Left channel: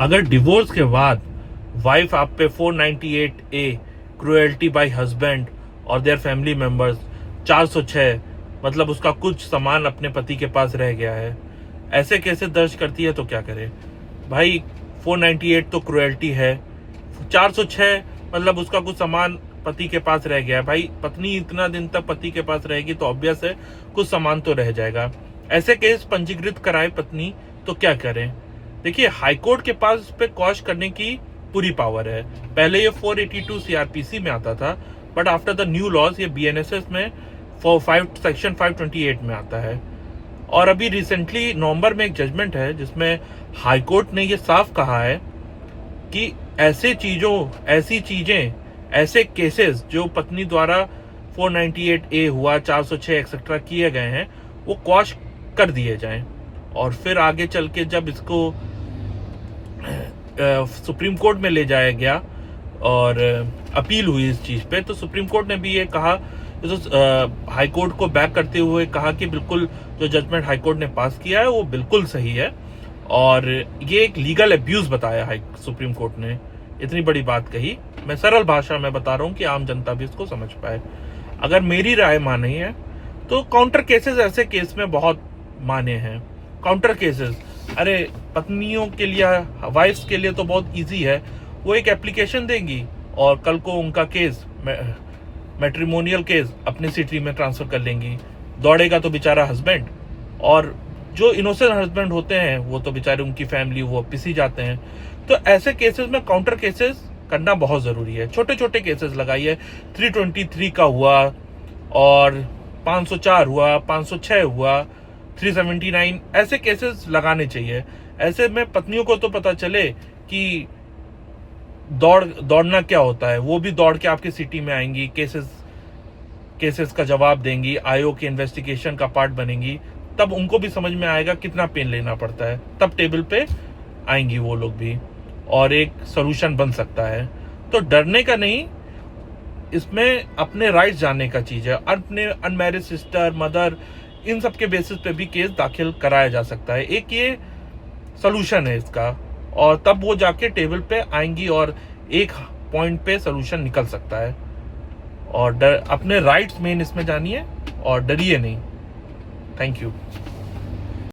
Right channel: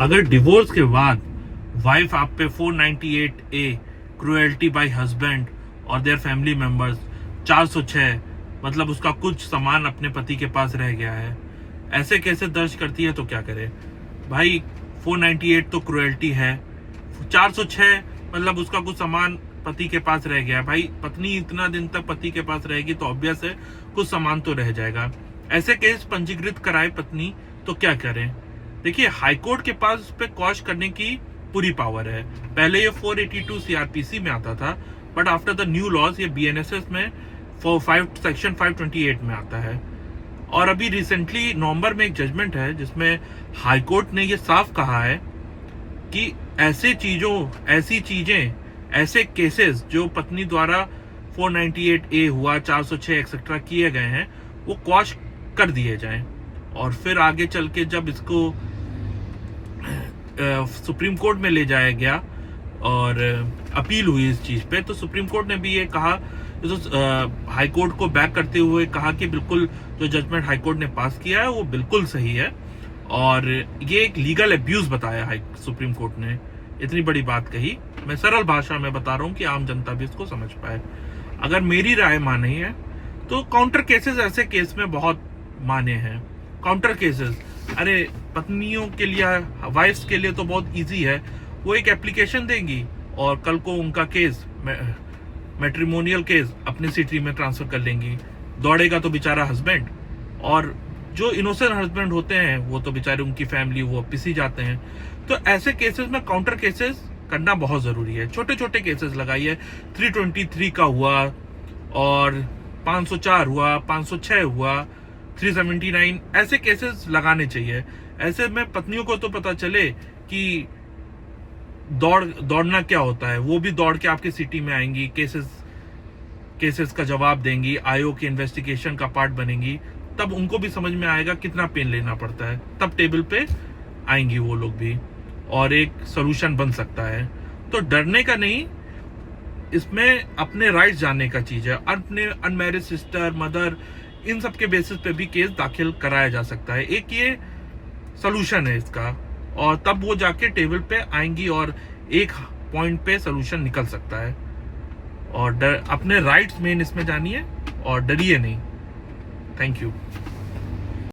अगर डिवोर्स के बाद वाइफ आप पे 498A क्रुएल्टी बाय हस्बैंड और देयर फैमिली मेंबर्स 406 मतलब उसका कुछ सामान अपने पति के पास रह गया है, ऐसे केसेस दर्ज करती है तो क्या करे भाई। 498 तो क्रुएल्टी है, 406 मतलब उसका कुछ सामान पति के पास रह गया है। भाई पत्नी इतना दिन तक पति के पास रहेगी तो ऑब्वियस है कुछ सामान तो रह जाएगा। ऐसे केस पंजीकृत कराए पत्नी तो क्या करें। देखिए हाईकोर्ट के पास इस पे क्वॉश करने की पूरी पावर है। पहले ये 482 सीआरपीसी में आता था, but after the new laws ये बीएनएसएस में सेक्शन 528 में आता है। और अभी रिसेंटली नवंबर में एक जजमेंट है जिसमें हाईकोर्ट ने ये साफ कहा है कि ऐसी चीजें ऐसे केसेस जो पत्नी द्वारा 498A हुआ, 406 एक्सेट्रा किए गए हैं, वो क्वॉश कर दिए जाएं। और फिर आगे चल के जब इसको सुप्रीम कोर्ट में ले जाया गया और अपील हुई इस चीज पे, तो सुप्रीम कोर्ट ने भी ये कहा, तो हाई कोर्ट को बैक करते हुए कहा कि बिल्कुल जो जजमेंट हाई कोर्ट ने पास किया है वो बिल्कुल सही है। और ये एक लीगल अब्यूज बताया सुप्रीम कोर्ट ने, इतनी बड़ी बात कही। मैं सरल भाषा में बता रहा हूँ कि आम जनता भी इसको समझ पाए। अगर मेरी राय मानी है तो काउंटर केसेस ऐसे केस में बहुत माने हैं। काउंटर केसेस, अरे पत्नियों के लिए, वाइफ्स के लिए तो बहुत इजी है। वो एक एप्लीकेशन देंगी और कल को उनका केस, मैट्रिमोनियल केस अपनी सिटी में ट्रांसफर कर लेंगी। दौड़ेगा तो बेचारा हस्बैंड, और जो इनोसेंट हस्बैंड होते हैं वो तो बेचारे, उनकी फैमिली वो पिसी जाते हैं। तो ऐसे केसेस में काउंटर केसेस करना बहुत जरूरी है। छोटे छोटे केसेस लगाइए, 323 का हुआ और 504 हुआ, 506 हुआ, 379, ऐसे केसेस लगाने चाहिए। ऐसे में पत्नियों को तो पता चले कि दौड़ना क्या होता है। वो भी दौड़ के आपकी सिटी में आएंगी, केसेस का जवाब देंगी, आयोग की इन्वेस्टिगेशन का पार्ट बनेंगी। तब उनको भी समझ में आएगा कितना पेन लेना पड़ता है, तब टेबल पे आएंगी वो लोग भी, और एक सोल्यूशन बन सकता है। तो डरने का नहीं, इसमें अपने राइट्स जानने का चीज है। अपने अनमैरिड सिस्टर, मदर, इन सब के बेसिस पे भी केस दाखिल कराया जा सकता है। एक ये सोल्यूशन है इसका, और तब वो जाके टेबल पे आएंगी और एक पॉइंट पे सोल्यूशन निकल सकता है। और अपने राइट्स मेन इसमें जानिए और डरिए नहीं। Thank you.